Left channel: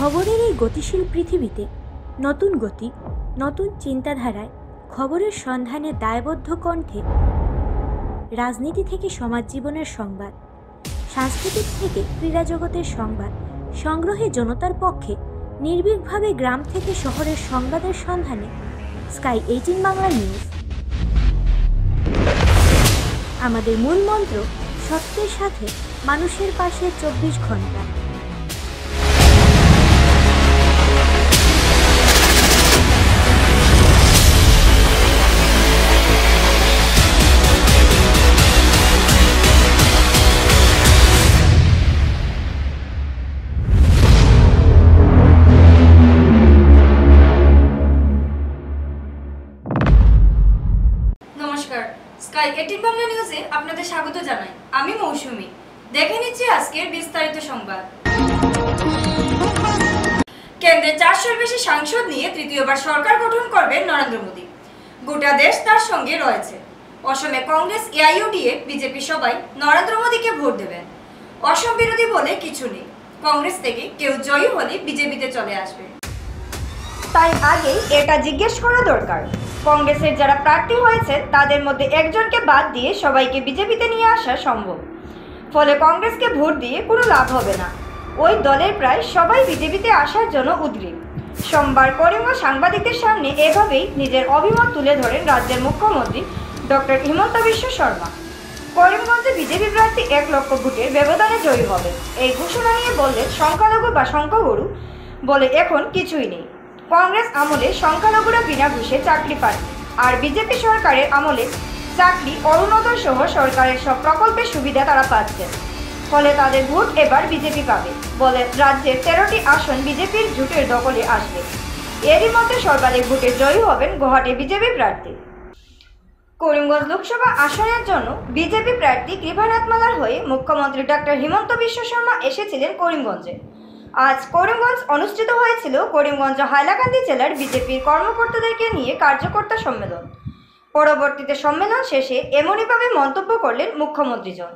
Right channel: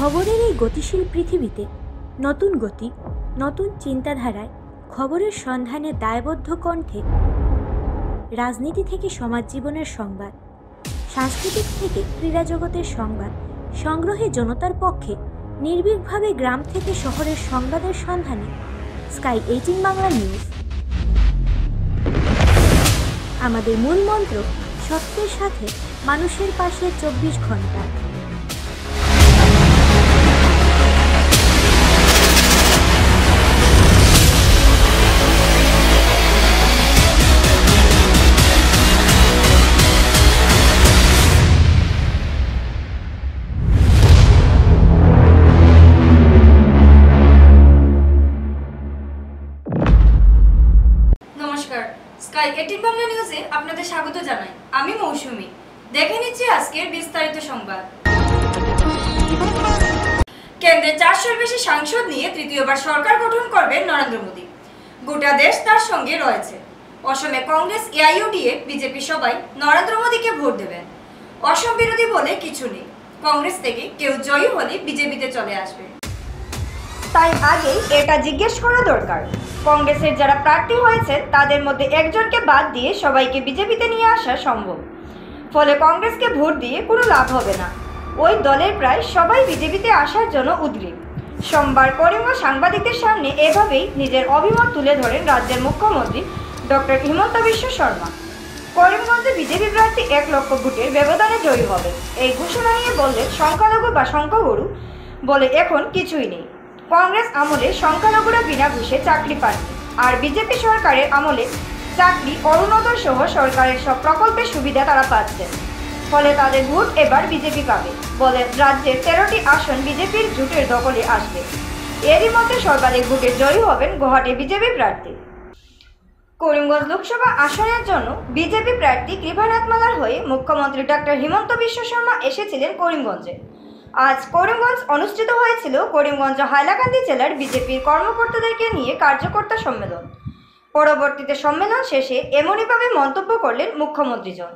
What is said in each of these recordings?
খবরের এই গতিশীল পৃথিবীতে নতুন গতি, নতুন চিন্তাধারায় খবরের সন্ধানে দায়বদ্ধ কণ্ঠে রাজনীতি থেকে সমাজ জীবনের সংবাদ, সাংস্কৃতিক থেকে ক্রীড়া জগতের সংবাদ সংগ্রহে জনতার পক্ষে নির্ভীকভাবে গ্রাম থেকে শহরের সংবাদের সন্ধানে স্কাই 18 বাংলা নিউজ। আমাদের মূল মন্ত্র সত্যের সাথে মানুষের পাশে 24 ঘন্টা। নমস্কার, স্কাই 18 বাংলা নিউজে আপনাদের স্বাগত জানাই। আমি মৌসুমী। দেখে নিচ্ছি আজকের বিস্তারিত সংবাদ। কেন্দ্রে 400-এর বেশি সাংসদ নিয়ে তৃতীয়বার সরকার গঠন করবেন নরেন্দ্র মোদী। গোটা দেশ তার সঙ্গে রয়েছে। অসমে কংগ্রেস, এআইইউডিএফ, বিজেপি সবাই নরেন্দ্র মোদীকে ভোট দেবেন। অসম বিরোধী বলে কিছু নেই। কংগ্রেস থেকে কেউ জয়ী হলে বিজেপিতে চলে আসবে। তাই আগেই এটা জিজ্ঞেস করা দরকার, কংগ্রেসের যারা প্রার্থী হয়েছেন তাদের মধ্যে একজনকে বাদ দিয়ে সবাইকে বিজেপিতে নিয়ে আসা সম্ভব। ফলে কংগ্রেসকে ভোট দিয়ে কোনো লাভ হবে না। ওই দলের প্রায় সবাই বিজেপিতে আসার জন্য উদ্গ্রীব। সোমবার করিমগঞ্জ সাংবাদিকদের সামনে এভাবেই নিজের অভিমত তুলে ধরেন রাজ্যের মুখ্যমন্ত্রী ডক্টর হিমন্ত বিশ্ব শর্মা। করিমগঞ্জে বিজেপি প্রার্থী 1 লক্ষ ভোটের ব্যবধানে জয়ী হবে এই ঘোষণা নিয়ে বললেন, সংখ্যালঘু বা সংখ্যাগুরু বলে এখন কিছুই নেই। কংগ্রেস আমলে সংখ্যালঘুরা বিনা ঘুষে চাকরি পাননি, আর বিজেপি সরকারের আমলে চাকরি, অরুণোদয় সহ সরকারের সব প্রকল্পের সুবিধা তারা পাচ্ছেন। ফলে তাদের ভোট এবার বিজেপি পাবে বলে রাজ্যের 13টি আসন বিজেপির জোটের দখলে আসবে। এরই মধ্যে সর্বাধিক ভোটে জয়ী হবেন গুয়াহাটি বিজেপি প্রার্থী। করিমগঞ্জ লোকসভা আসনের জন্য বিজেপি প্রার্থী কৃপানাথমালার হয়ে মুখ্যমন্ত্রী ডক্টর হিমন্ত বিশ্ব শর্মা এসেছিলেন করিমগঞ্জে। আজ করিমগঞ্জ অনুষ্ঠিত হয়েছিল করিমগঞ্জ হাইলাকান্দি জেলার বিজেপির কর্মকর্তাদেরকে নিয়ে কার্যকর্তা সম্মেলন। পরবর্তীতে সম্মেলন শেষে এমনইভাবে মন্তব্য করলেন মুখ্যমন্ত্রীজন।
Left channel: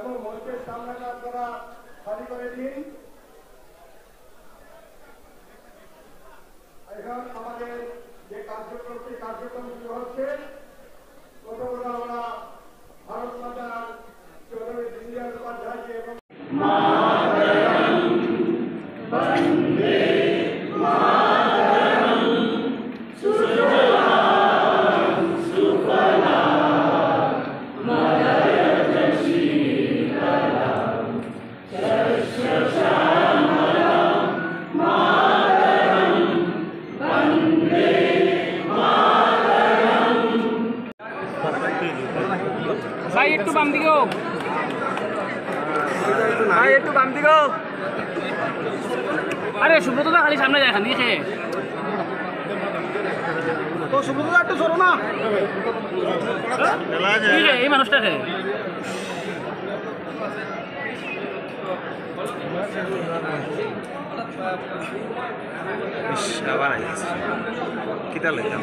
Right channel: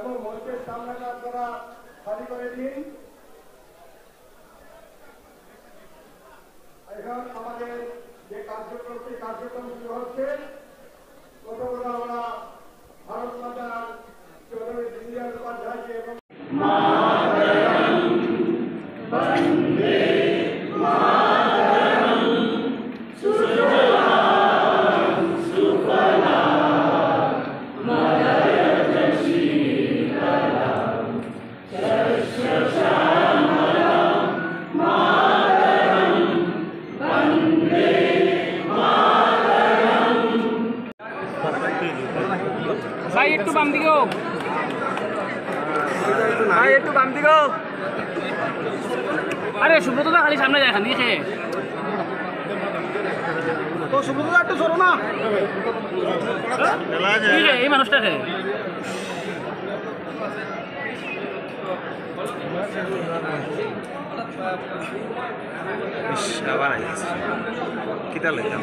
এবং মঞ্চের সামনেটা আপনারা খালি করে দিন। এখন আমাদের যে কার্যক্রম শুরু হচ্ছে, প্রথমত আমরা ভারত মাতার চৌধুরী দীনদয়াল উপাধ্যায়কে এবং ভাই একটু বাম দিকে হোক। ভাই একটু বাম দিকে হোক। আরে সুব্রত দা খালি সামনে যায় খালি খেয়ে তো সুব্রত দা একটু সরো না এই মানুষটাকে আবার আইছে কিটা লইতাম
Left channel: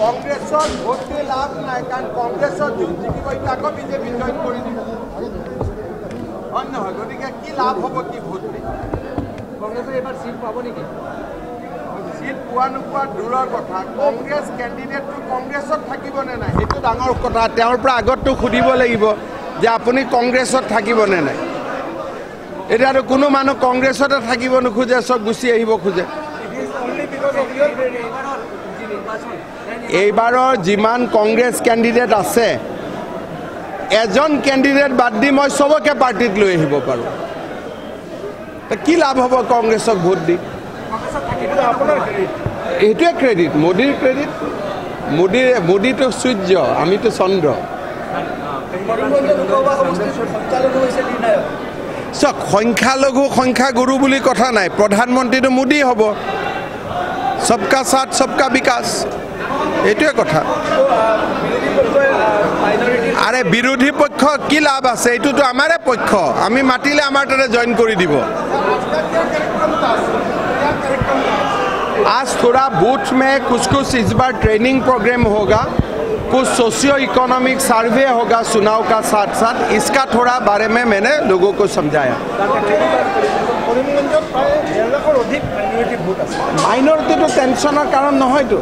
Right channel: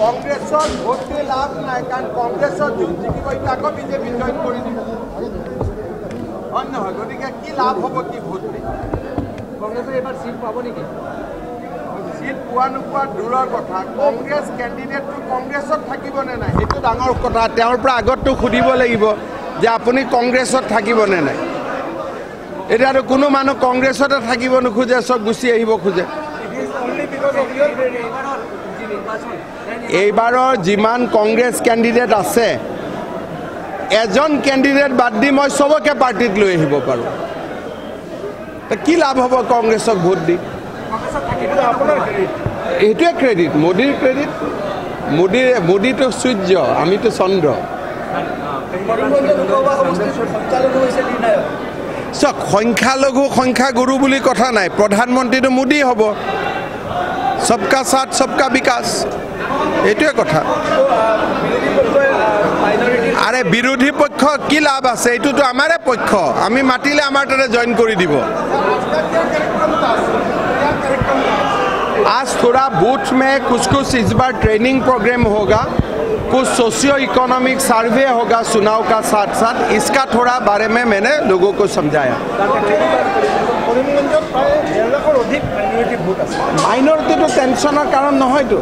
কংগ্ৰেছৰ ভোট দি লাভ নাই কাৰণ কংগ্ৰেছৰ জিকিব এতিয়া আকৌ বিজেপি জইন কৰি দিব হয় নহয় গতিকে কি লাভ হ'ব কি ভোট দি কংগ্ৰেছে এইবাৰ চিট পাব নেকি চিট পোৱা নোপোৱা দূৰৰ কথা কংগ্ৰেছ কেণ্ডিডেটটো কংগ্ৰেছত থাকিবনে নাই সেইটো ডাঙৰ কথা তেওঁৰ পৰা আগততো সুধিব লাগিব যে আপুনি কংগ্ৰেছত থাকিবনে নাই এতিয়াতো কোনো মানুহ কংগ্ৰেছতে থাকিব নোখোজে চব গুচি আহিব খোজে এইবাৰৰ যিমান কংগ্ৰেছ কেণ্ডিডেট আছে এজন কেণ্ডিডেট বাদ দি মই চবকে পাৰ্টিত লৈ আহিব পাৰোঁ কি লাভ হ'ব কংগ্ৰেছক ভোট দি এইটোৱে ক্ৰেডিট মোদীৰ ক্ৰেডিট মোদীটো সূৰ্য আমিতো চন্দ্ৰ চাওক সংখ্যালঘু সংখ্যাগুৰু বুলি কথা নাই প্ৰধানমন্ত্ৰীটো মোদী হ'ব সবকা সাথ সবকা বিকাশ এইটোৱে কথা আৰে বিৰোধী পক্ষ কি লাভ আছে এইটোতো আমাৰে পক্ষ আমি মাতিলে আমাৰ তাতে জইন কৰি দিব आज थोड़ा बूथ में कुछ इस बार ट्रेनिंग प्रोग्राम होगा कुछ सोशियो इकोनॉमिक सर्वे होगा चुनाव का साथ साथ इसका थोड़ा बारे में मैंने लोगों को समझाया माइनरिटी तो टेंशनर कारण নহয় তো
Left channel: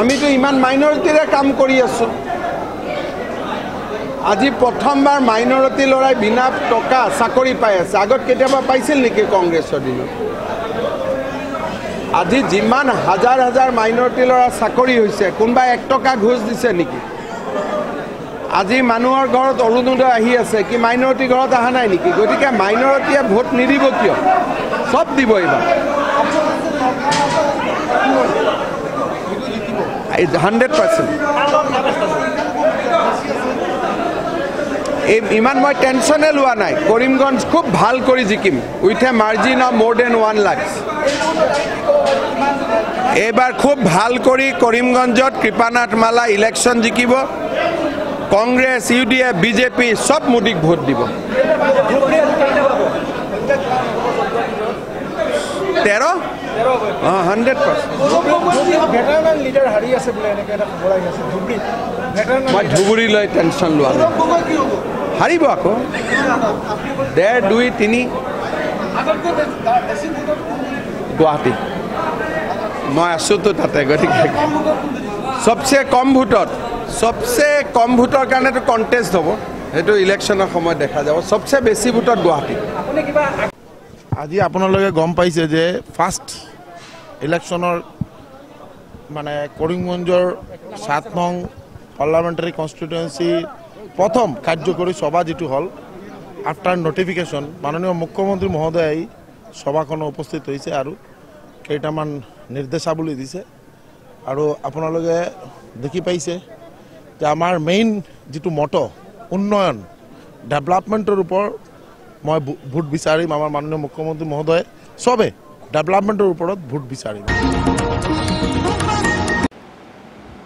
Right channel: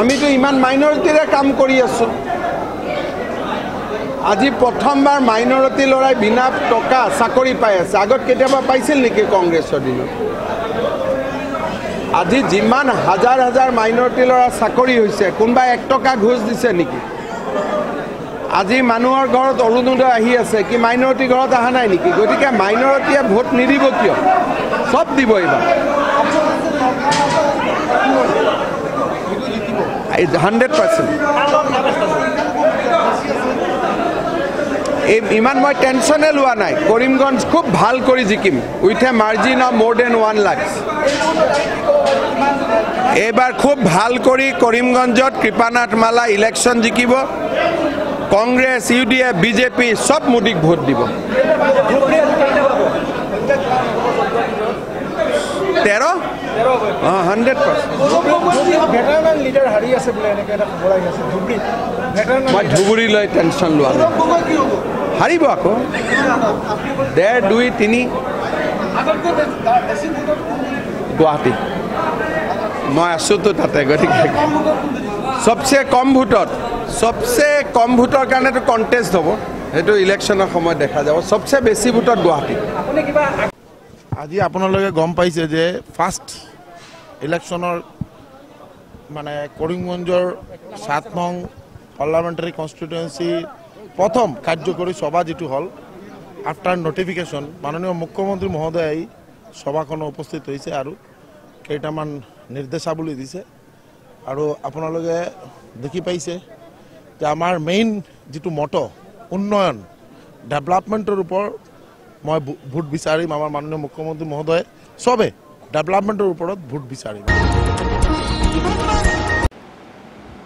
আমি তো ইমান মাইনৰিটিৰে কাম কৰি আছো আজি প্ৰথমবাৰ মাইনৰিটি লৰাই বিনা টকা চাকৰি পাই আছে আগত কেতিয়াবা পাইছিল নেকি কংগ্ৰেছৰ দিনত আজি যিমান হাজাৰ হাজাৰ মাইনৰিটি ল'ৰা চাকৰি হৈছে কোনোবা 1 টকা ঘোষ দিছে নেকি আজি মানুহৰ ঘৰত অৰুণোদয় আহি আছে কি মাইনৰিটি ঘৰত অহা নাই নেকি গতিকে মাইনৰিটিয়ে ভোট নিদিব কিয় সব দিব এইবাৰ 100% ইমান মই টেনশনে লোৱা নাই কৰিমগঞ্জ খুব ভাল কৰি জিকিম উইথ এ মাৰ্জিন অফ মোৰ দেন 1 লাখ এবাৰ খুব ভাল কৰি কৰিমগঞ্জত কৃপানাথ মালা ইলেকশ্যন জিকিব কংগ্ৰেছ ইউডিএফ বিজেপি সব মোদীক ভোট দিব 13 100% মই ধুবুৰীলৈ টেনশ্যন লোৱা নাই হাৰিব আকৌ 1.5 2 3 গুৱাহাটী মই আছোঁ তো তাতে গতিকে সবচে কম ভোটৰ কাৰণেতো কণ্টেষ্ট হ'ব সেইটো ইলেকশ্যনৰ সময়ত দেখা যাব সবচে বেছি ভোটত গুৱাহাটী আজি আপোনালোকে গম পাইছে যে ফাৰ্ষ্ট ইলেকশ্যনৰ মানে কৰিমগঞ্জৰ 7 নং পাৰ্লামেণ্টাৰী কনষ্টিটুৱেঞ্চি প্ৰথম কাৰ্যকৰী সভা যেটো হল আফটাৰ নোটিফিকেশ্যন মাননীয় মুখ্যমন্ত্ৰী মহোদয় সভাখনত উপস্থিত হৈছে আৰু কেইটামান নিৰ্দেশাৱলী দিছে আৰু আপোনালোকে দেখি পাইছে যে আমাৰ মেইন যেটো মটো উন্নয়ন ডেভেলপমেণ্টৰ ওপৰত মই ভোট বিচাৰিম আমাৰ মাননীয় মুখ্যমন্ত্ৰী মহোদয় সবে ডেভেলপমেণ্টৰ ওপৰত ভোট বিচাৰিম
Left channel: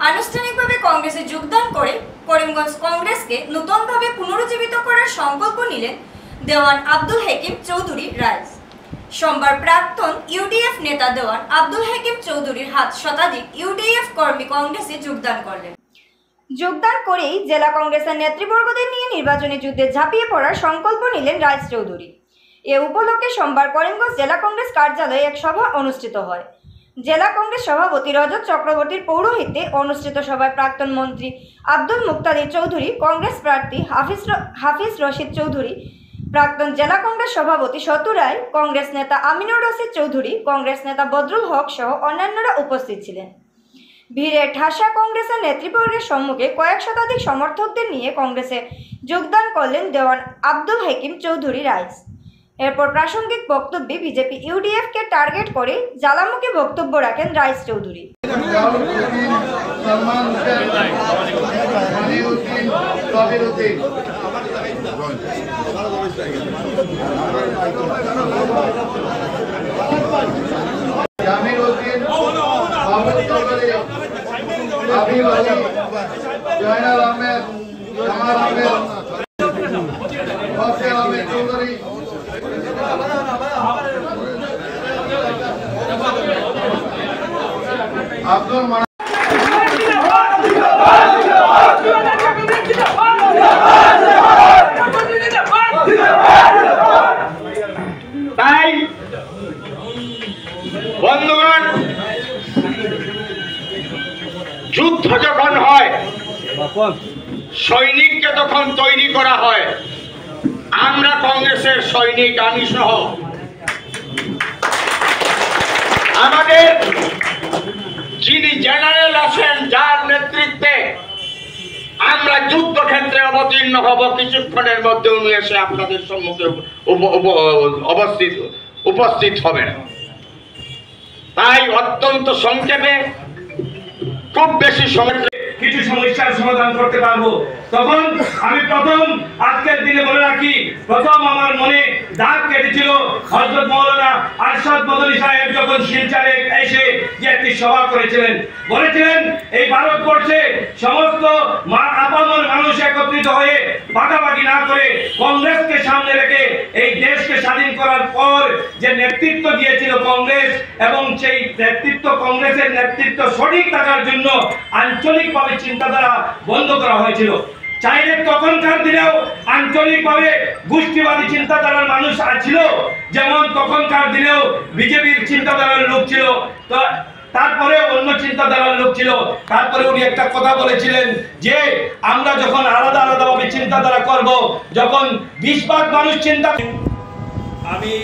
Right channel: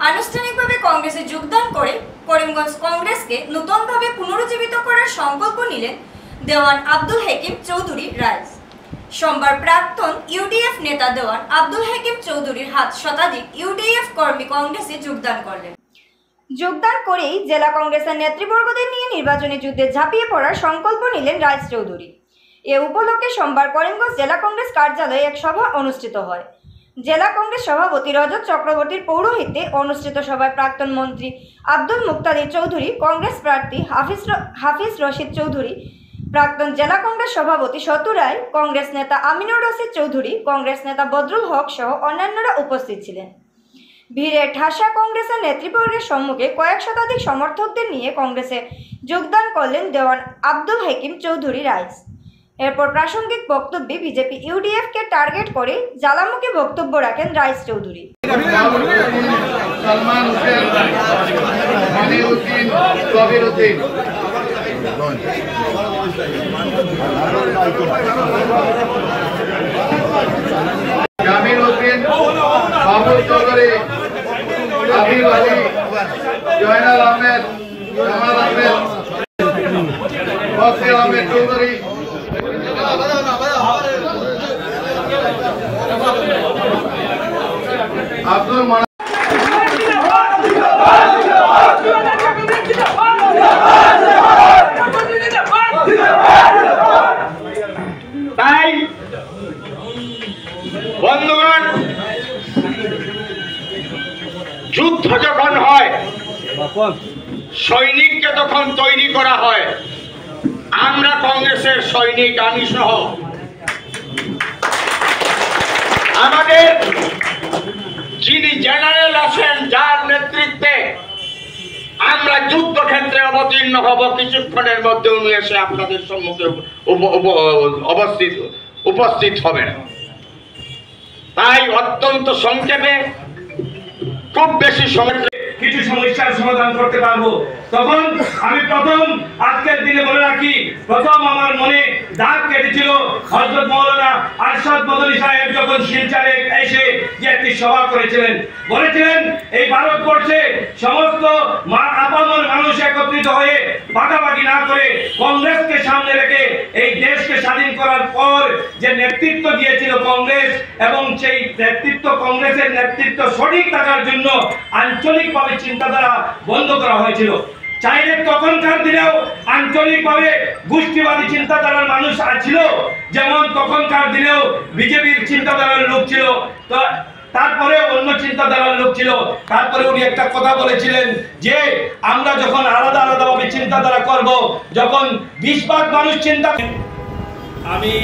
আনুষ্ঠানিকভাবে কংগ্রেসে যোগদান করে করিমগঞ্জ কংগ্রেসকে নতুনভাবে পুনরুজ্জীবিত করার সংকল্প নিলেন দেওয়ান আব্দুল হাকিম চৌধুরী রাইজ সোমবার প্রাক্তন ইউডিএফ নেতা দেওয়ান আব্দুল হাকিম চৌধুরীর হাত শতাধিক ইউডিএফ কর্মী কংগ্রেসে যোগদান করলেন যোগদান করেই জেলা কংগ্রেসের নেতৃবর্গদের নিয়ে নির্বাচনী যুদ্ধে ঝাঁপিয়ে পড়ার সংকল্প নিলেন রাইজ চৌধুরী এ উপলক্ষে সোমবার করিমগঞ্জ জেলা কংগ্রেস কার্যালয়ে এক সভা অনুষ্ঠিত হয় জেলা কংগ্রেস সভাপতি রজত চক্রবর্তীর পৌরোহিত্যে অনুষ্ঠিত সভায় প্রাক্তন মন্ত্রী আব্দুল মুক্তাদির চৌধুরী, কংগ্রেস প্রার্থী হাফিজ রশিদ চৌধুরী, প্রাক্তন জেলা কংগ্রেস সভাপতি শতু রায়, কংগ্রেস নেতা আমিনুর রশিদ চৌধুরী, কংগ্রেস নেতা বদরুল হক সহ অন্যান্যরা উপস্থিত ছিলেন। ভিড়ে ঠাসা কংগ্রেসের নেতৃবর্গের সম্মুখে কয়েক শতাধিক সমর্থকদের নিয়ে কংগ্রেসে যোগদান করলেন দেওয়ান আব্দুল হাকিম চৌধুরী রাইস। এরপর প্রাসঙ্গিক বক্তব্যে বিজেপি ইউডিএফকে টার্গেট করে জ্বালামুখী বক্তব্য রাখেন রাইস চৌধুরী। জামিল উদ্দিন, মাহমুদ চৌধুরী, হাবিব আলী, জয়নাল আহমেদ, জামাল আহমেদ, বসির আহমেদ চৌধুরী, আব্দুল মনার। তাই বন্ধুগণ, যুদ্ধ যখন হয়, সৈনিককে তখন তৈরি করা হয়। আমরা কংগ্রেসের সৈনিক, আমি সহ আমাদের যিনি জেনারেল আছেন, যার নেতৃত্বে আমরা যুদ্ধক্ষেত্রে অবতীর্ণ হব, কিছুক্ষণের মধ্যে উনি এসে আপনাদের সম্মুখে উপস্থিত হবেন। তাই অত্যন্ত সংক্ষেপে, খুব বেশি সময় কিছু সমস্যার সমাধান করতে পারবো। তখন আমি প্রথম আজকের দিনে বলে রাখি, প্রথম আমার মনে দাগ কেটেছিল হযরত মাওলানা আরশাদ মদনী সাহেব যখন শিলচরে এসে যে একটি সভা করেছিলেন, বলেছিলেন এই ভারতবর্ষে সমস্ত আপামর মানুষ একত্রিত হয়ে ভাগাভাগি না করে কংগ্রেসকে সামনে রেখে এই দেশকে স্বাধীন করার পর যে নেতৃত্ব দিয়েছিল কংগ্রেস, এবং সেই নেতৃত্ব, কংগ্রেসের নেতৃত্ব সঠিক থাকার জন্য আঞ্চলিকভাবে চিন্তাধারা বন্ধ করা হয়েছিল। চাইলে তখনকার দিনেও আঞ্চলিকভাবে গোষ্ঠীবাদী চিন্তাধারার মানুষ ছিল, যেমন তখনকার দিনেও বিজেপির চিন্তাধারার লোক ছিল, তো তারপরে অন্য চিন্তাধারার লোক ছিল। তারপরে উনি একটা কথা বলেছিলেন যে আমরা যখন আলাদা আলাদাভাবে চিন্তাধারা করব, যখন 20 ভাগ মানুষ চিন্তা। আমি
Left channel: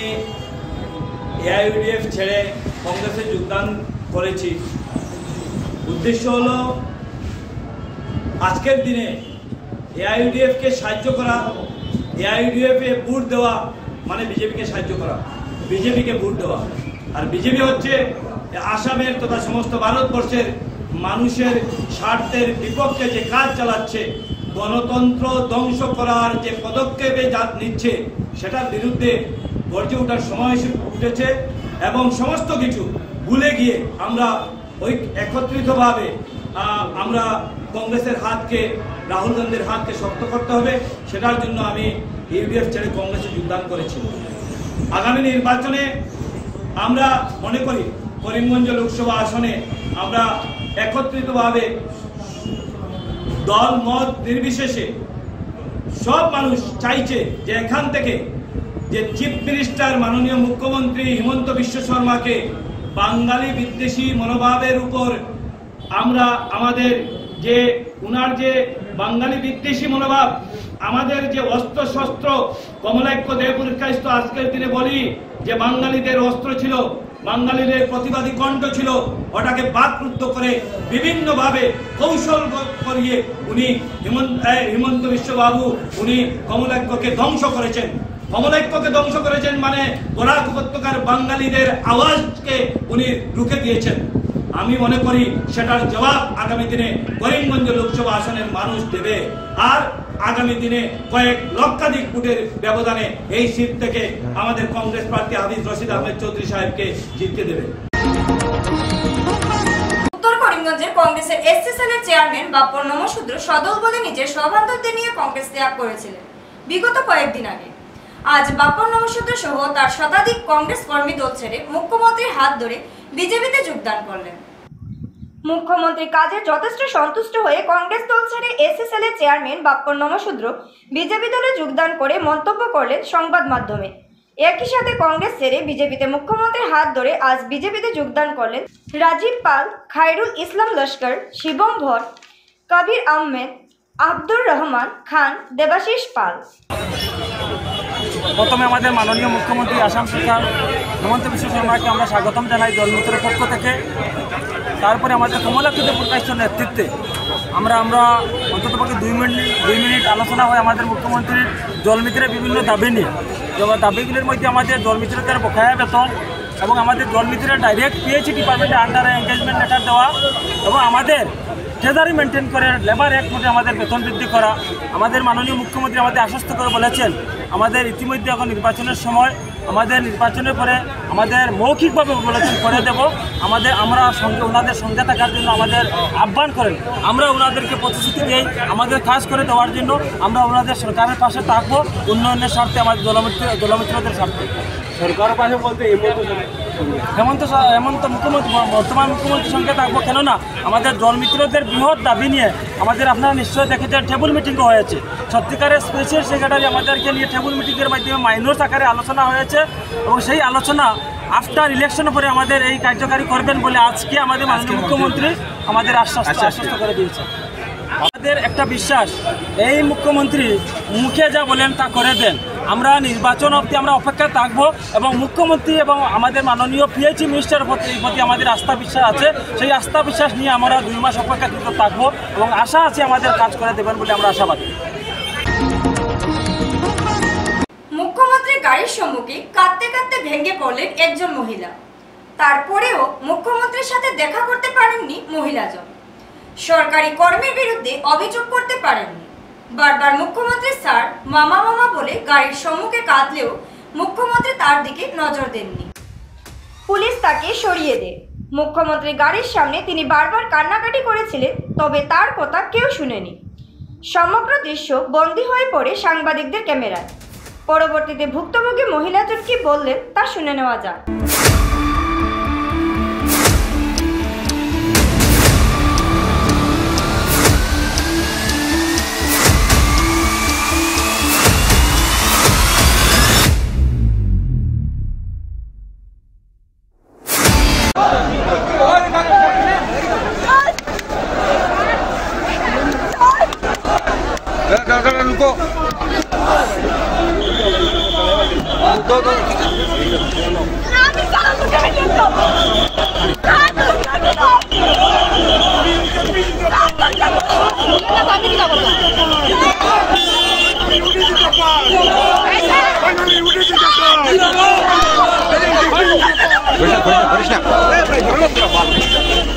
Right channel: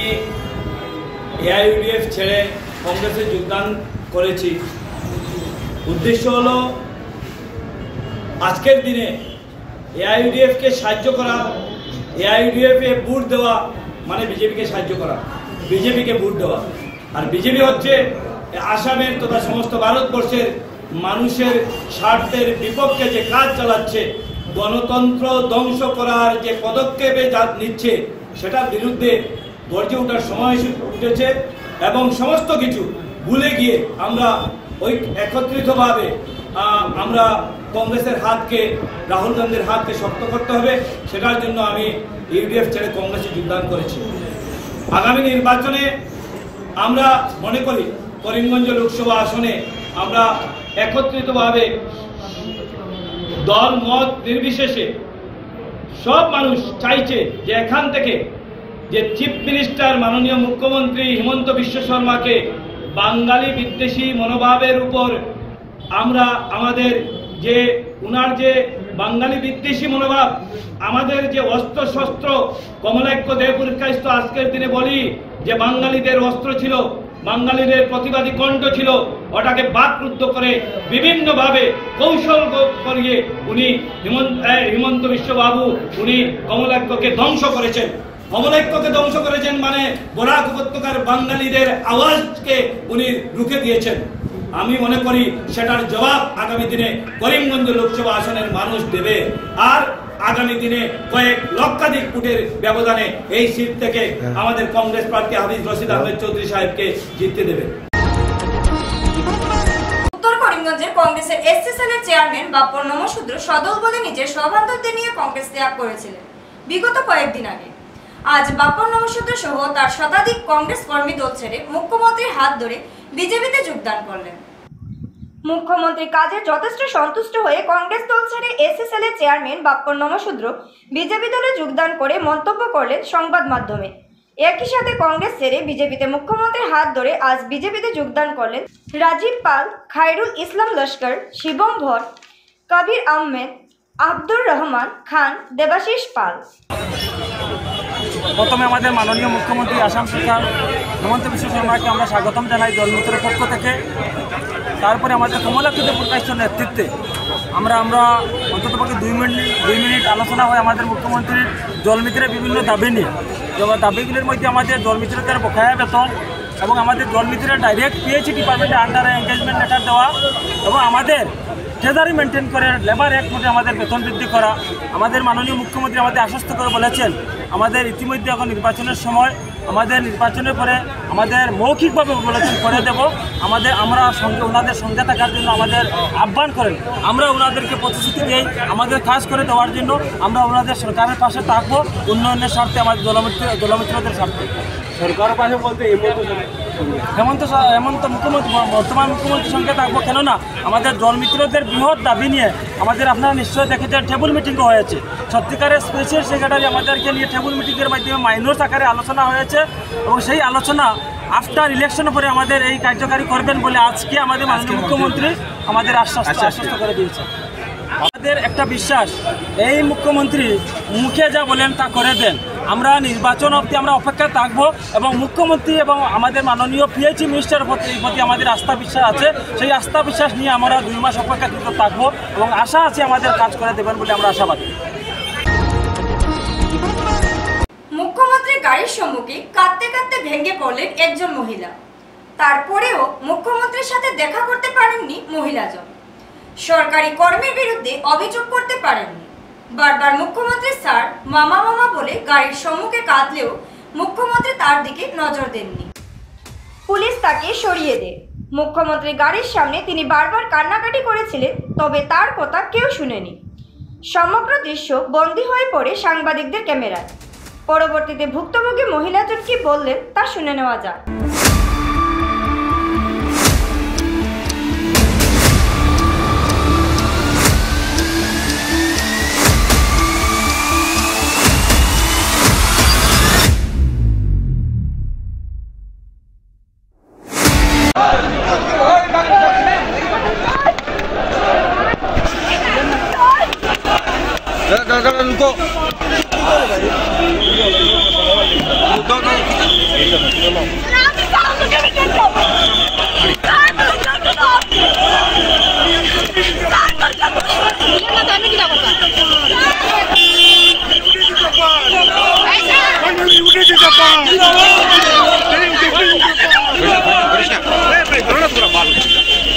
এআইইউডিএফ ছেড়ে কংগ্রেসে যোগদান করেছি। উদ্দেশ্য হলো আজকের দিনে এআইইউডিএফকে সাহায্য করা, এআইইউডিএফে ভোট দেওয়া মানে বিজেপিকে সাহায্য করা, বিজেপিকে ভোট দেওয়া। আর বিজেপি হচ্ছে আসামের তথা সমস্ত ভারতবর্ষের মানুষের স্বার্থের বিপক্ষে যে কাজ চালাচ্ছে, গণতন্ত্র ধ্বংস করার যে পদক্ষেপে নিচ্ছে, সেটার বিরুদ্ধে গর্জে ওঠার সময় উঠেছে। এবং সমস্ত কিছু ভুলে গিয়ে আমরা ওই একত্রিতভাবে আমরা কংগ্রেসের হাতকে, রাহুল গান্ধীর হাতকে শক্ত করতে হবে। সেটার জন্য আমি ইউডিএফ ছেড়ে কংগ্রেসে যোগদান করেছি। আগামী নির্বাচনে আমরা মনে করি করিমগঞ্জ লোকসভা আসনে আমরা একত্রিতভাবে দল মত নির্বিশেষে সব মানুষ চাইছে যে এখান থেকে যে চিফ মিনিস্টার মাননীয় মুখ্যমন্ত্রী হিমন্ত বিশ্ব শর্মাকে বাঙালি বিদ্বেষী মনোভাবের উপর আমরা আমাদের যে উনার যে বাঙালি বিদ্বেষী মনোভাব, আমাদের যে অস্ত্র শস্ত্র, কমলাক্য দেব পুরস্কারিত আজকের দিনে বলি যে বাঙালিদের অস্ত্র ছিল, বাঙালিদের প্রতিবাদী কণ্ঠ ছিল, ওটাকে বাকরুদ্ধ করে বিভিন্নভাবে কৌশল করিয়ে উনি হিমন্ত বিশ্ব বাবু উনি কমলাক্যকে ধ্বংস করেছেন। কমলাক্যকে ধ্বংস করেছেন মানে বরাক উপত্যকার বাঙালিদের আওয়াজকে উনি রুখে দিয়েছেন। আমি মনে করি সেটার জবাব আগামী দিনে করিমগঞ্জ লোকসভা আসনের মানুষ দেবে। আর আগামী দিনে কয়েক লক্ষাধিক ভোটের ব্যবধানে এই সিট থেকে আমাদের কংগ্রেস প্রার্থী হাফিজ রশিদ আহমেদ চৌধুরী সাহেবকে জিততে দেবে। উত্তর করিমগঞ্জের কংগ্রেসের এসসি সেলের চেয়ারম্যান বাপ্পন নমশূদ্র সদল বলে নিজের সহবান্ধবদের নিয়ে কংগ্রেস ত্যাগ করেছিলেন বিগত কয়েকদিন আগে। আজ বাপ্পন নমশূদ্র সহ তার শতাধিক কংগ্রেস কর্মী দল ছেড়ে মুখ্যমন্ত্রীর হাত ধরে বিজেপিতে যোগদান করলেন। মুখ্যমন্ত্রীর কাজে যথেষ্ট সন্তুষ্ট হয়ে কংগ্রেস দল ছেড়ে এসসি সেলের চেয়ারম্যান বাপ্পন নমশূদ্র বিজেপি দলে যোগদান করে মন্তব্য করলেন সংবাদ মাধ্যমে। একই সাথে কংগ্রেস ছেড়ে বিজেপিতে মুখ্যমন্ত্রীর হাত ধরে আজ বিজেপিতে যোগদান করলেন রাজীব পাল, খায়রুল ইসলাম লস্কর, শিবম ভট্ট, কবির আহমেদ, আব্দুর রহমান খান, দেবাশিস পাল। প্রথমে আমাদের মাননীয় মুখ্যমন্ত্রী আসাম সরকার হেমন্ত বিশ্ব শর্মাকে আমরা স্বাগতম জানাই দলমিত্রের পক্ষ থেকে। তারপরে আমাদের কমলাক্ষিত প্রকাশের নেতৃত্বে আমরা অন্ততপক্ষে 2 মিনিট আলোচনা হয় আমাদের মুখ্যমন্ত্রীর দলমিত্রের বিভিন্ন দাবি নিয়ে। দাবিগুলির মধ্যে আমাদের দলমিত্রদের বকেয়া বেতন এবং আমাদের দলমিত্রের ডাইরেক্ট পিএইচই ডিপার্টমেন্টের আন্ডারে এনগেজমেন্ট লেটার দেওয়া এবং আমাদের ট্রেজারি মেনটেন করে লেবার অ্যাক্ট মধ্যে আমাদের বেতন বৃদ্ধি করা। আমাদের মাননীয় মুখ্যমন্ত্রী আমাদের আশ্বস্ত করে বলেছেন আমাদের ইতিমধ্যে এখন নির্বাচনের সময়, আমাদের নির্বাচনের পরে আমাদের মৌখিকভাবে বলেছেন করে দেব। আমরা ওনাদের সঙ্গে থাকার জন্য আমাদের আহ্বান করেন। আমরা ওনাদেরকে প্রতিশ্রুতি দিই আমাদের কাজ করে দেওয়ার জন্য। আমরা ওনাদের সরকারের পাশে থাকবো উন্নয়নের স্বার্থে, আমাদের দলমিত্রদের স্বার্থে। সরকারের পাশে বলতে হেমন্ত মুখ্যমন্ত্রী বর্তমান মুখ্যমন্ত্রীর সঙ্গে থাকবো। কেননা আমাদের দলমিত্রদের বৃহৎ দাবি নিয়ে আমাদের আপনারা নিশ্চয়ই দেখেছেন টেবল মিটিংও হয়েছে। সত্যিকারের স্পেশাল সেক্রেটারি আমাদেরকে নিয়ে টেবল মিটিংয়ের মাধ্যমে মাইনর আকারে আলোচনা হয়েছে এবং সেই আলোচনা আফটার ইলেকশনের পরে আমাদের এই কার্যকারী করবেন বলে আজকে আমাদের মাননীয় মুখ্যমন্ত্রী আমাদের আশ্বস্ত করে দিয়েছে। আমাদের একটা বিশ্বাস, এই মুখ্যমন্ত্রী মুখে যা বলেন তা করে দেন। আমরা নির্বাচন অবধি আমরা অপেক্ষা থাকবো এবং মুখ্যমন্ত্রী এবং আমাদের মাননীয় পিএইচই মিনিস্টারের প্রতি আমাদের আস্থা বিশ্বাস আছে। সেই আস্থা বিশ্বাস নিয়ে আমরা 2 মাস অপেক্ষাকৃত থাকবো এবং আশা আছে আমাদের কাজ করে দেবেন বলে আমরা আশাবাদী। মুখ্যমন্ত্রীর গাড়ির সম্মুখে কাঁদতে কাঁদতে ভেঙে পড়লেন একজন মহিলা। তারপরেও মুখ্যমন্ত্রীর সাথে দেখা করতে পারেননি মহিলাজন। সরকারি কর্মীর বিরুদ্ধে অভিযোগ করতে পারেননি। বারবার মুখ্যমন্ত্রী স্যার, মামা বলে গাড়ির সম্মুখে কাঁদলেও মুখ্যমন্ত্রী তার দিকে নজর দেননি। পুলিশ তাকে সরিয়ে দেয়। মুখ্যমন্ত্রী গাড়ির সামনে তিনি বারবার কান্নাকাটি করেছিলেন, তবে তার কথা কেউ শুনেনি। সমগ্র দৃশ্য বন্দী হয়ে পড়ে সাংবাদিকদের ক্যামেরায়। পরবর্তীতে ভুক্তভোগী মহিলাজন কি বললেন তা শুনে নেওয়া যাক।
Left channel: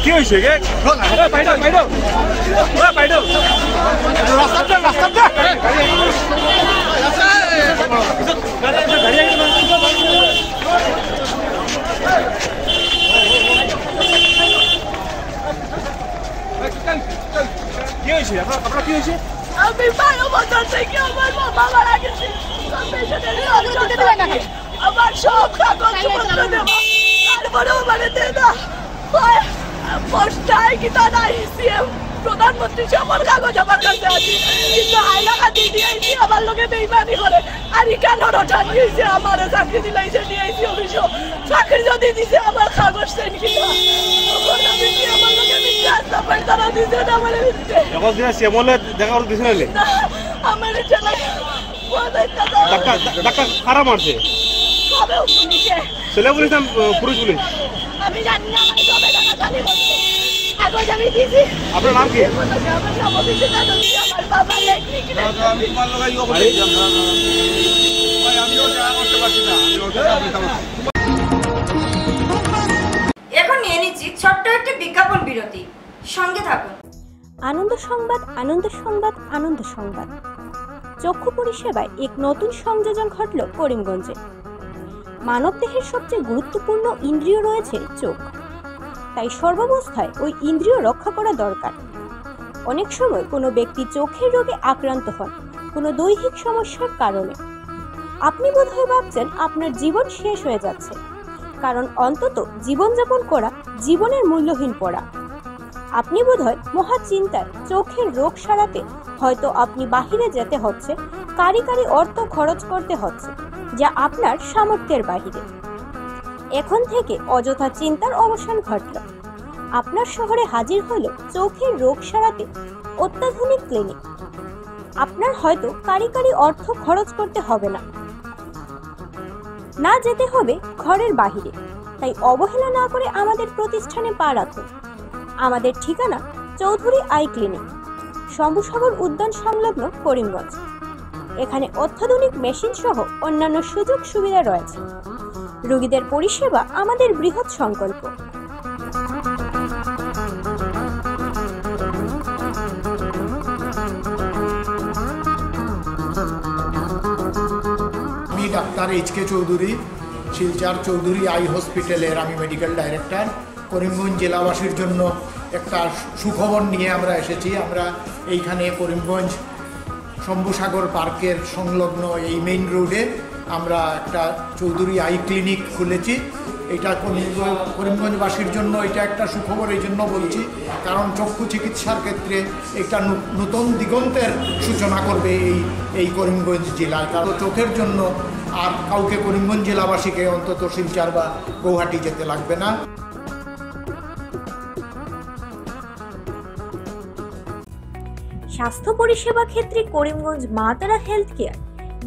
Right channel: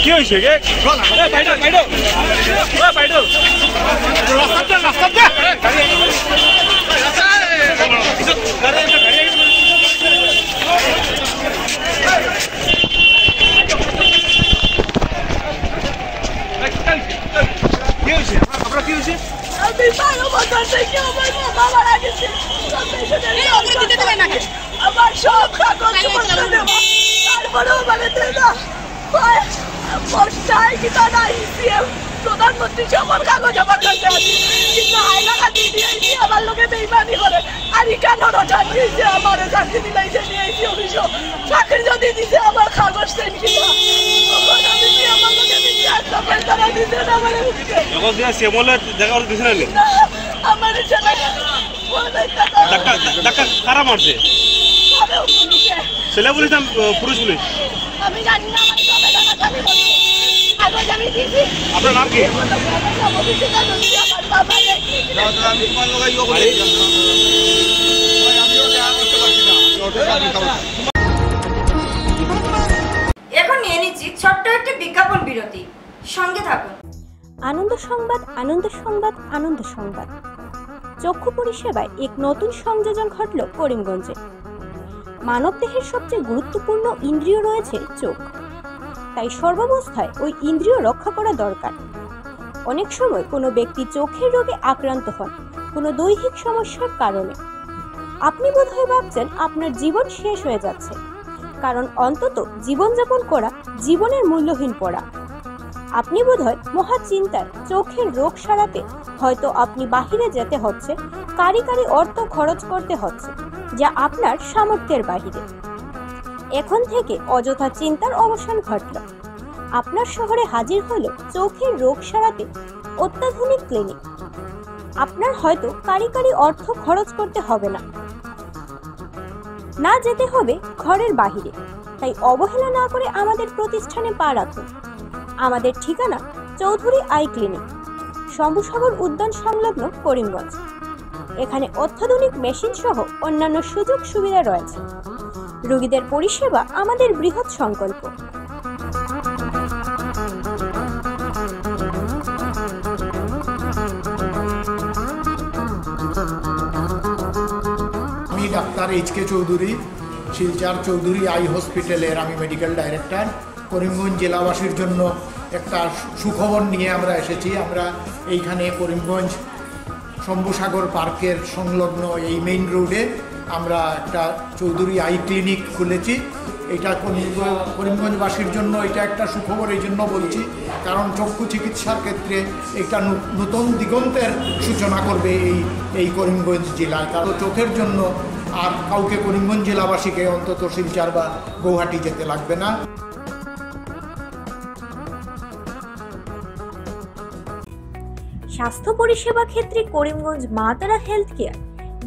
কি হয়েছে গে আমি ভালো মতো থেকে আমার মা মারা গেছে। আমার সব কাগজ পত্র দেওয়া, তারপরেও মানে দেয় না। পোস্টায় কি তা নাই, প্রধানমন্ত্রী সকল কাগজ আমার কাছে আছে, কিন্তু হাইলাকান্দি দিয়েছি আমার লোকে বেইমানি করে। আর কেন রোজান দিয়েছে আমার চাকরি দিলাইছে দিয়েছি অফিস চাকরি যদি দিছে আমার কাগজ দেন কিনা আমার লোকে বিচার তারা দিতে না আমার আমার কারা মারছে? ছেলে পুলিশ না পুরুষ পুলিশ? আমি জানি না, কাগজ আমি দিয়েছি। আপনার নাম কি? এখন নিয়ে নিচ্ছি ছোট্ট একটি বিজ্ঞাপন বিরতি, সঙ্গে থাকুন। আনন্দ সংবাদ, আনন্দ সংবাদ, আনন্দ সংবাদ। চক্ষু পরিষেবায় এক নতুন সংযোজন ঘটল করিমগঞ্জে। মানবদেহের সবচেয়ে গুরুত্বপূর্ণ ইন্দ্রিয় রয়েছে চোখ, তাই সর্বাবস্থায় ওই ইন্দ্রিয় রক্ষা করা দরকার। অনেক সময় কোনো ব্যক্তি চোখের রোগে আক্রান্ত হন কোনো দৈহিক সমস্যার কারণে। আপনি বোধহয় ভাবছেন আপনার জীবন শেষ হয়ে যাচ্ছে, কারণ অন্তত জীবনযাপন করা জীবনের মূল্যহীন পড়া। আপনি বোধহয় মহা চিন্তায় চোখের রোগ সারাতে হয়তো আপনি বাহিরে যেতে হচ্ছে, কারি অর্থ খরচ করতে হচ্ছে। যা আপনার সামর্থ্যের বাহিরে। এখন থেকে অযথা চিন্তার অবসান ঘটল। আপনার শহরে হাজির হলো চোখের রোগ সারাতে অত্যাধুনিক ক্লিনিক। আপনার হয়তো কারিগরি অর্থ খরচ করতে হবে না, না যেতে হবে ঘরের বাহিরে। তাই অবহেলা না করে আমাদের প্রতিষ্ঠানে পা রাখুন। আমাদের ঠিকানা চৌধুরী আই ক্লিনিক, শম্ভুসাগর উদ্যান সংলগ্ন করিমগঞ্জ। এখানে অত্যাধুনিক মেশিন সহ অন্যান্য সুযোগ সুবিধা রয়েছে। রোগীদের পরিষেবা আমাদের বৃহৎ সংকল্প। আমি ডাক্তার এইচ.কে. চৌধুরী, শিলচর চৌধুরী আই হসপিটালের আমি মেডিকেল ডাইরেক্টর। করিমগঞ্জ জেলাবাসীর জন্য একটা সুখবর নিয়ে আমরা এসেছি। আমরা এইখানে করিমগঞ্জ শম্ভুসাগর পার্কের সংলগ্ন এই মেইন রোডে আমরা একটা চৌধুরী আই ক্লিনিক খুলেছি। এটা করিমগঞ্জবাসীর জন্য এটা একটা সুখবর এই জন্য বলছি, কারণ চক্ষু চিকিৎসার ক্ষেত্রে একটা নতুন দিগন্তের সূচনা করবে এই করিমগঞ্জ জেলায়। কারণ চোখের জন্য আর কাউকে করিমগঞ্জ জেলাবাসীকে অন্তত শিলচর বা গৌহাটি যেতে লাগবে না। স্বাস্থ্য পরিষেবা ক্ষেত্রে করিমগঞ্জ মা তারা হেলথ কেয়ার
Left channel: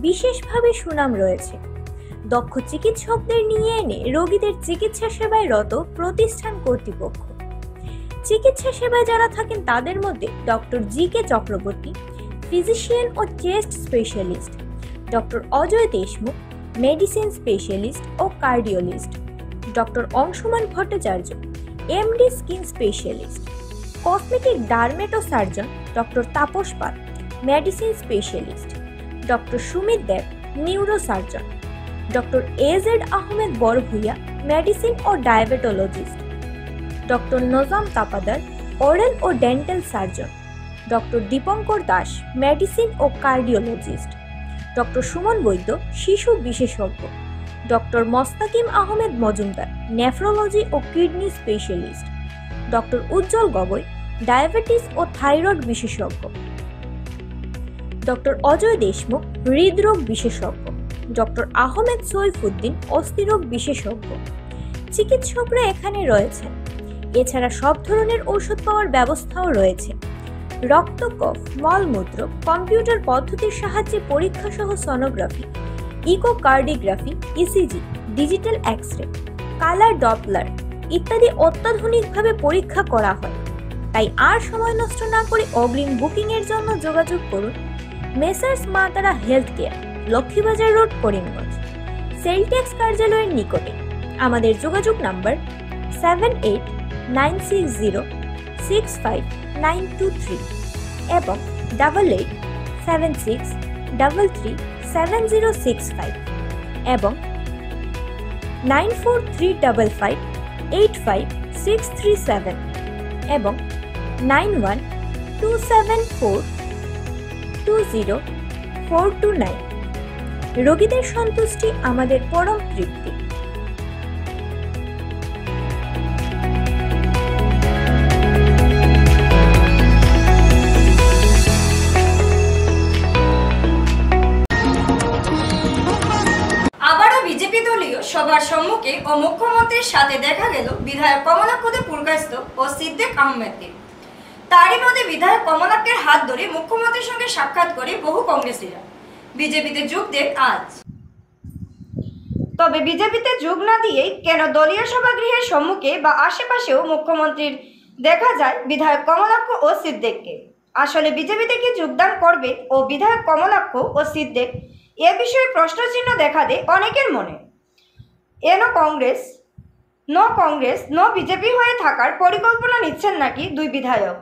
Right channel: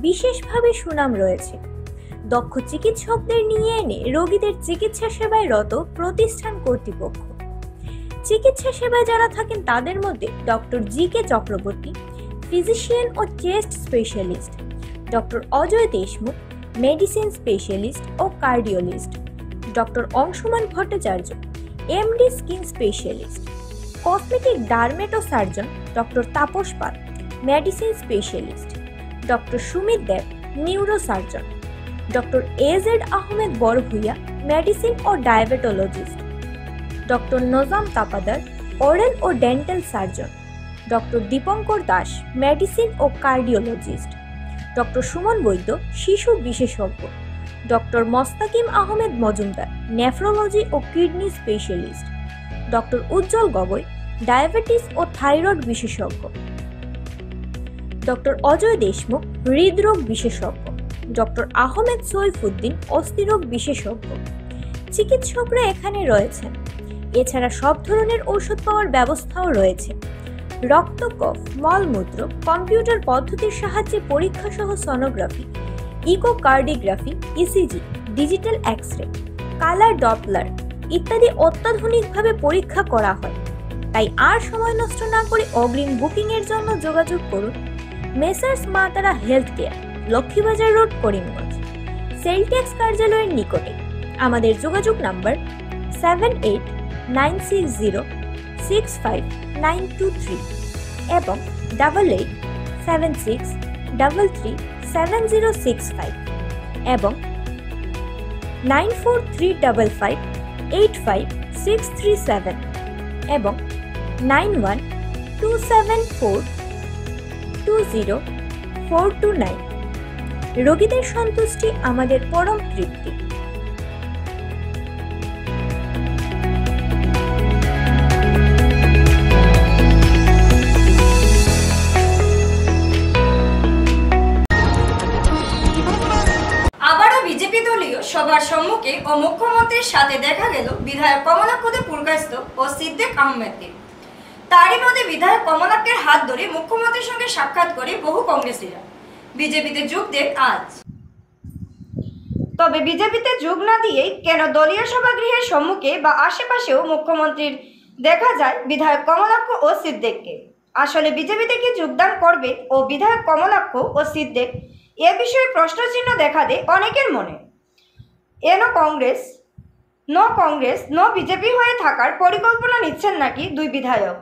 বিশেষভাবে সুনাম রয়েছে। দক্ষ চিকিৎসকদের নিয়ে এনে রোগীদের চিকিৎসা সেবায় রত প্রতিষ্ঠান কর্তৃপক্ষ। চিকিৎসা সেবায় যারা থাকেন তাদের মধ্যে ডক্টর জি.কে. চক্রবর্তী, ফিজিশিয়ান ও chest specialist, doctor Ajay Deshmukh, medicine specialist ও cardiologist, doctor Anshuman Bhattacharya, MD skin specialist, cosmetic dermato surgeon doctor Tapas Pal, medicine specialist, doctor Sumit Deb, neuro surgeon, doctor AZ Ahmed Barbhuiya, medicine ও diabetologist, doctor Nazam Tapadar, oral ও dental surgeon, doctor Dipankar Das, medicine ও cardiologist, doctor Suman Baidya, শিশু বিশেষজ্ঞ, doctor Mostakim Ahmed Majumdar, nephrology ও kidney specialist, doctor উজ্জ্বল Gogoi, diabetes ও thyroid বিশেষজ্ঞ, doctor Ajay Deshmukh, হৃদরোগ বিশেষজ্ঞ, doctor Ahmed Saifuddin, অস্থিরোগ বিশেষজ্ঞ। চিকিৎসকরা এখানে রয়েছেন। এছাড়া সব ধরনের ঔষধ পাওয়ার ব্যবস্থাও রয়েছে। রক্ত, কফ, মলমূত্র, কম্পিউটার পদ্ধতির সাহায্যে পরীক্ষা সহ sonography, echocardiography, ECG, digital X-ray, colour Doppler ইত্যাদি অত্যাধুনিকভাবে পরীক্ষা করা হয়। তাই আর সময় নষ্ট না করে অগ্রিম বুকিং এর জন্য যোগাযোগ করুন মেসার্স মা তারা health care, Laxmibazar road, Karimganj, sell tax কার্যালয়ের নিকটে। আমাদের যোগাযোগ নাম্বার 7896065923 এবং 8876337065 এবং 9435585637 এবং 9127420429। রোগীদের সন্তুষ্টি আমাদের পরম তৃপ্তি। আবারও বিজেপি দলীয় সভার সম্মুখে ও মুখ্যমন্ত্রীর সাথে দেখা গেল বিধায়ক কমলাক্ষদের পুরকায়স্থ ও সিদ্দিক আহমেদকে। তারই মধ্যে বিধায়ক কমলাক্ষের হাত ধরে মুখ্যমন্ত্রীর সঙ্গে সাক্ষাৎ করে বহু কংগ্রেসীরা বিজেপিতে যোগ দেন আজ। তবে বিজেপিতে যোগ না দিয়েই কেন দলীয় সভাগৃহের সম্মুখে বা আশেপাশেও মুখ্যমন্ত্রীর দেখা যায় বিধায়ক কমলাক্ষ ও সিদ্দিককে। আসলে বিজেপিতে কি যোগদান করবে ও বিধায়ক কমলাক্ষ ও সিদ্দিক, এ বিষয়ে প্রশ্নচিহ্ন দেখা দেয় অনেকের মনে। কংগ্রেস নো বিজেপি হয়ে থাকার পরিকল্পনা নিচ্ছেন নাকি দুই বিধায়ক।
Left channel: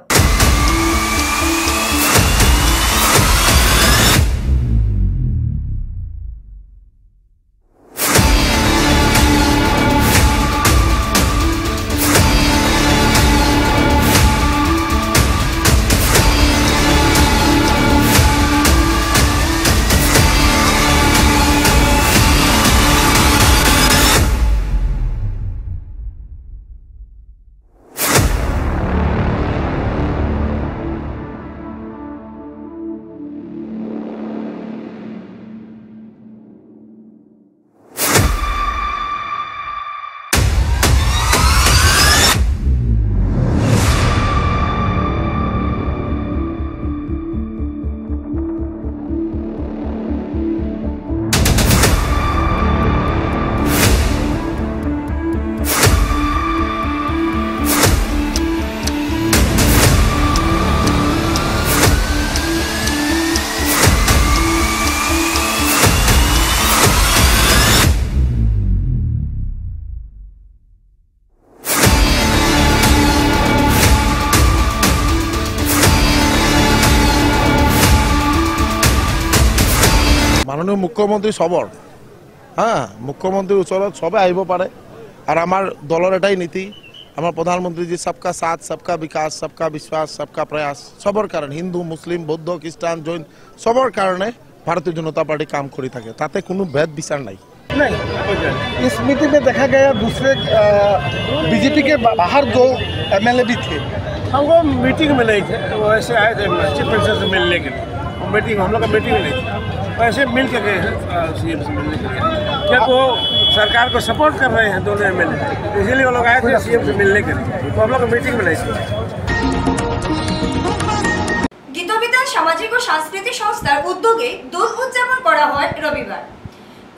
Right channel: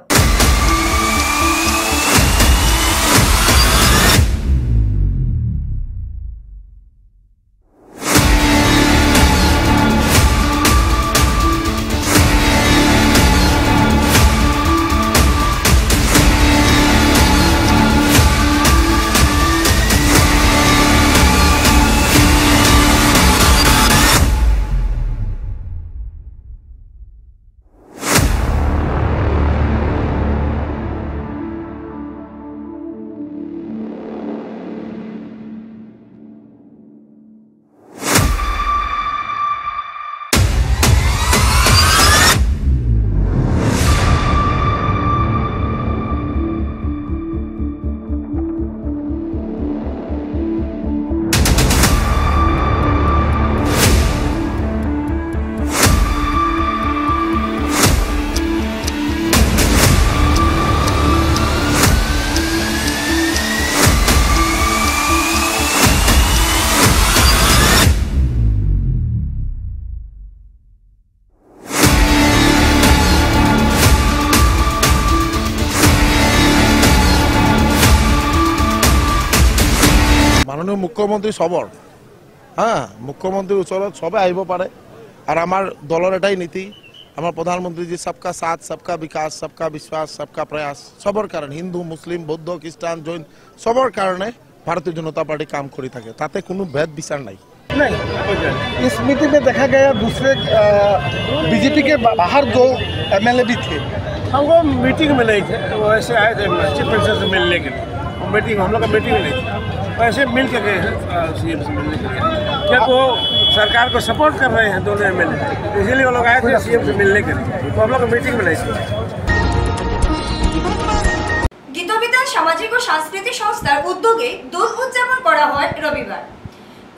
মাননীয় মুখ্যমন্ত্ৰী সবৰ মুখ্যমন্ত্ৰীৰ ওচৰত সবে আহিব পাৰে আৰু আমাৰ দলৰ এটাই নীতি আমাৰ প্ৰধানমন্ত্ৰীজী সবকা সাথ সবকা বিকাশ সবকা বিশ্বাস সবকা প্ৰয়াস সবৰ কাৰণে হিন্দু মুছলিম বৌদ্ধ খ্ৰীষ্টান জৈন সবৰ কাৰণে भारतीय जनता पार्टी काम करी থাকে তাতে কোনো ভেদ বিচার নাই। नहीं, इस मीटिंग में देखा गया दूसरे बीजेपी के बाहर 2 MLA भी थे। हम वो मीटिंग में नहीं थे, वो ऐसे आए थे चीफ मिनिस्टर से मिलने के लिए। मीटिंग हम लोग का मीटिंग नहीं था, वैसे मिल के गए हैं CM से मिलने के लिए। क्या वो सरकार को सपोर्ट कर रहे हैं दोनों MLA, इसीलिए वो लोग आए थे CM से मिलने के लिए। तो हम लोग का मीटिंग में नहीं थे। গীতবিতান সামাজিক ও সাংস্কৃতিক সংস্থার উদ্যোগে দোল উদযাপন করা হয় রবিবার।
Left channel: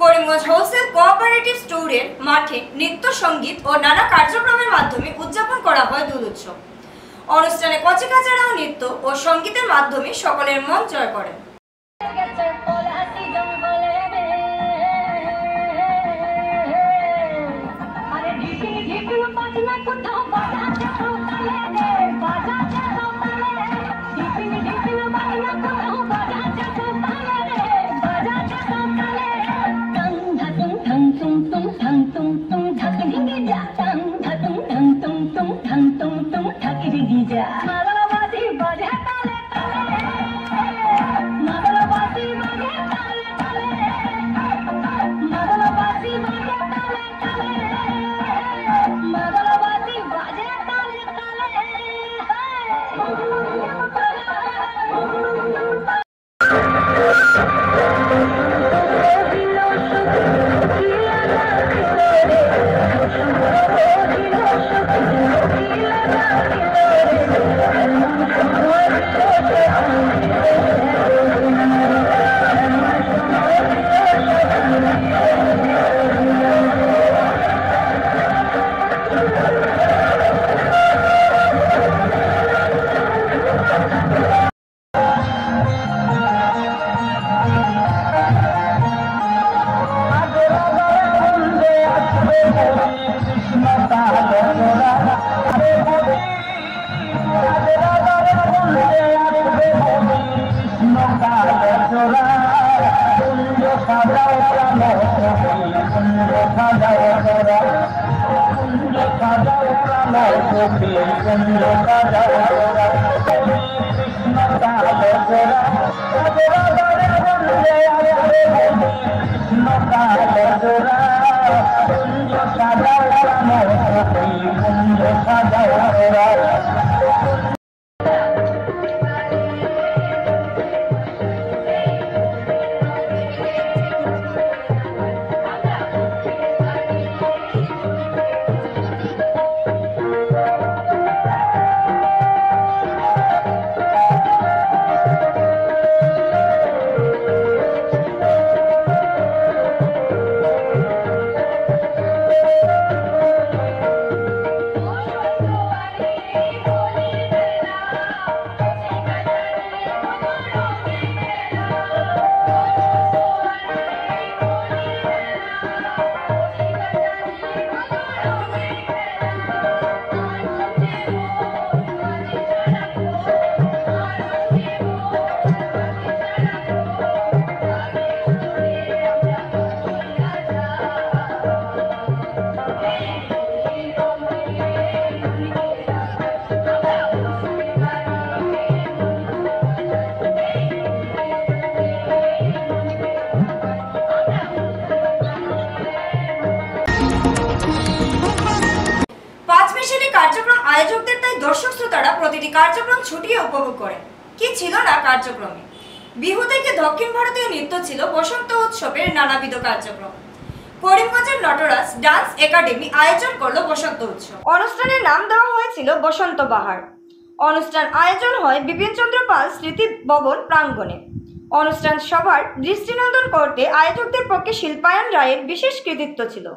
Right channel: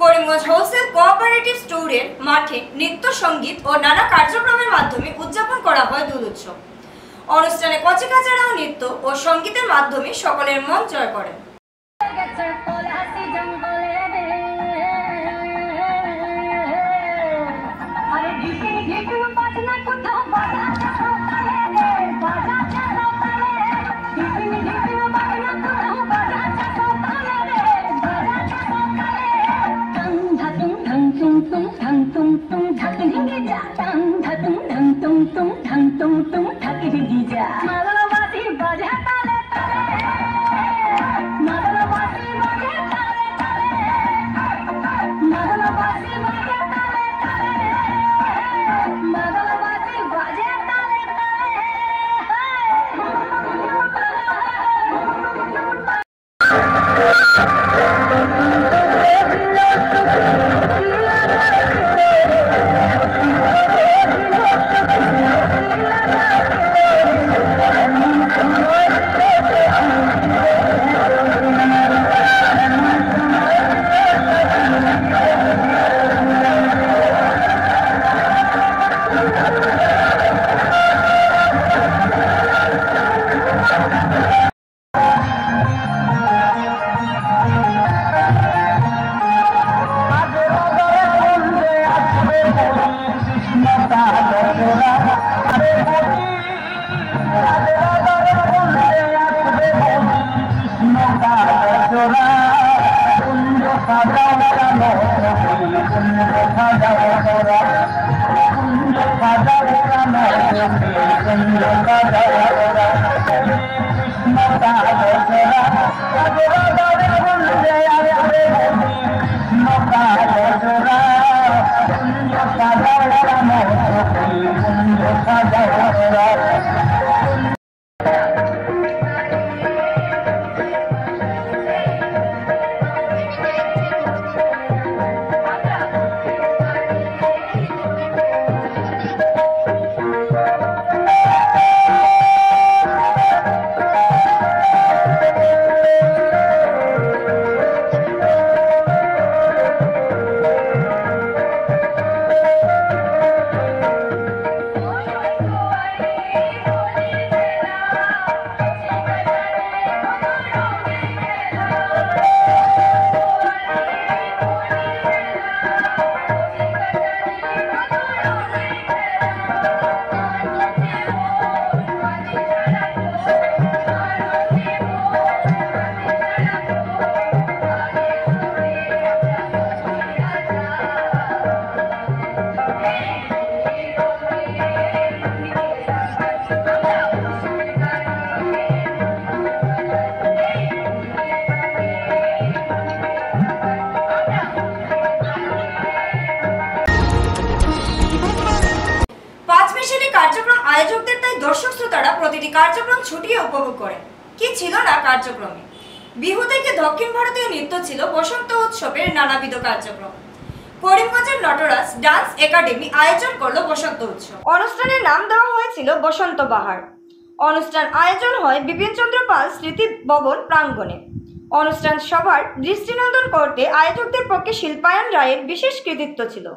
করিমগঞ্জ হোলসেল কোঅপারেটিভ স্টোরের মাঠে নৃত্য সঙ্গীত ও নানা কার্যক্রমের মাধ্যমে উদযাপন করা হয় দোল উৎসব। অনুষ্ঠানে কচিকাচারা ও নৃত্য ও সঙ্গীতের মাধ্যমে সকলের মন জয় করেন। কার্যক্রম আয়োজকদের তাই দর্শক শ্রোতারা প্রতিটি কার্যক্রম ছুটিয়ে উপভোগ করেন। কি ছিল না কার্যক্রমে? বিহু থেকে দক্ষিণ ভারতীয় নৃত্য ছিল বসন্ত উৎসবের নানাবিধ কার্যক্রম। করিমগঞ্জের নটরাজ ডান্স একাডেমি আয়োজন করলো বসন্ত উৎসব। অনুষ্ঠানের নাম দেওয়া হয়েছিল বসন্ত বাহার। অনুষ্ঠান আয়োজন হয় বিপিনচন্দ্র পাল স্মৃতি ভবন প্রাঙ্গণে। অনুষ্ঠান সভার দৃষ্টিনন্দন করতে আয়োজকদের পক্ষে শিল্পায়ন রায়ের বিশেষ কৃতিত্ব ছিল।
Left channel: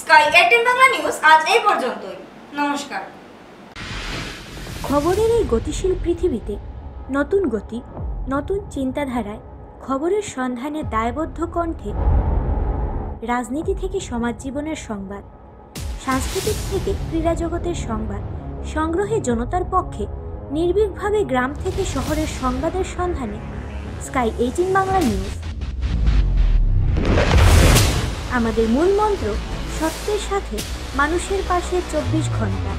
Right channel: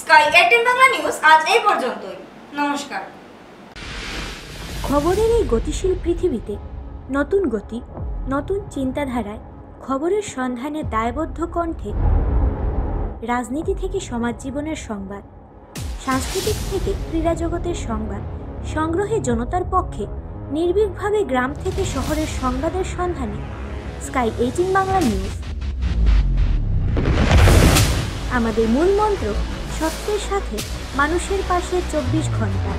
স্কাই 18 বাংলা নিউজ আজ এই পর্যন্তই। নমস্কার। খবরের এই গতিশীল পৃথিবীতে নতুন গতি, নতুন চিন্তাধারায় খবরের সন্ধানে দায়বদ্ধ কণ্ঠে রাজনীতি থেকে সমাজ জীবনের সংবাদ, সাংস্কৃতিক থেকে ক্রীড়া জগতের সংবাদ সংগ্রহে জনতার পক্ষে নির্ভীকভাবে গ্রাম থেকে শহরের সংবাদের সন্ধানে স্কাই 18 বাংলা নিউজ। আমাদের মূল মন্ত্র সত্যের সাথে মানুষের পাশে 24 ঘন্টা।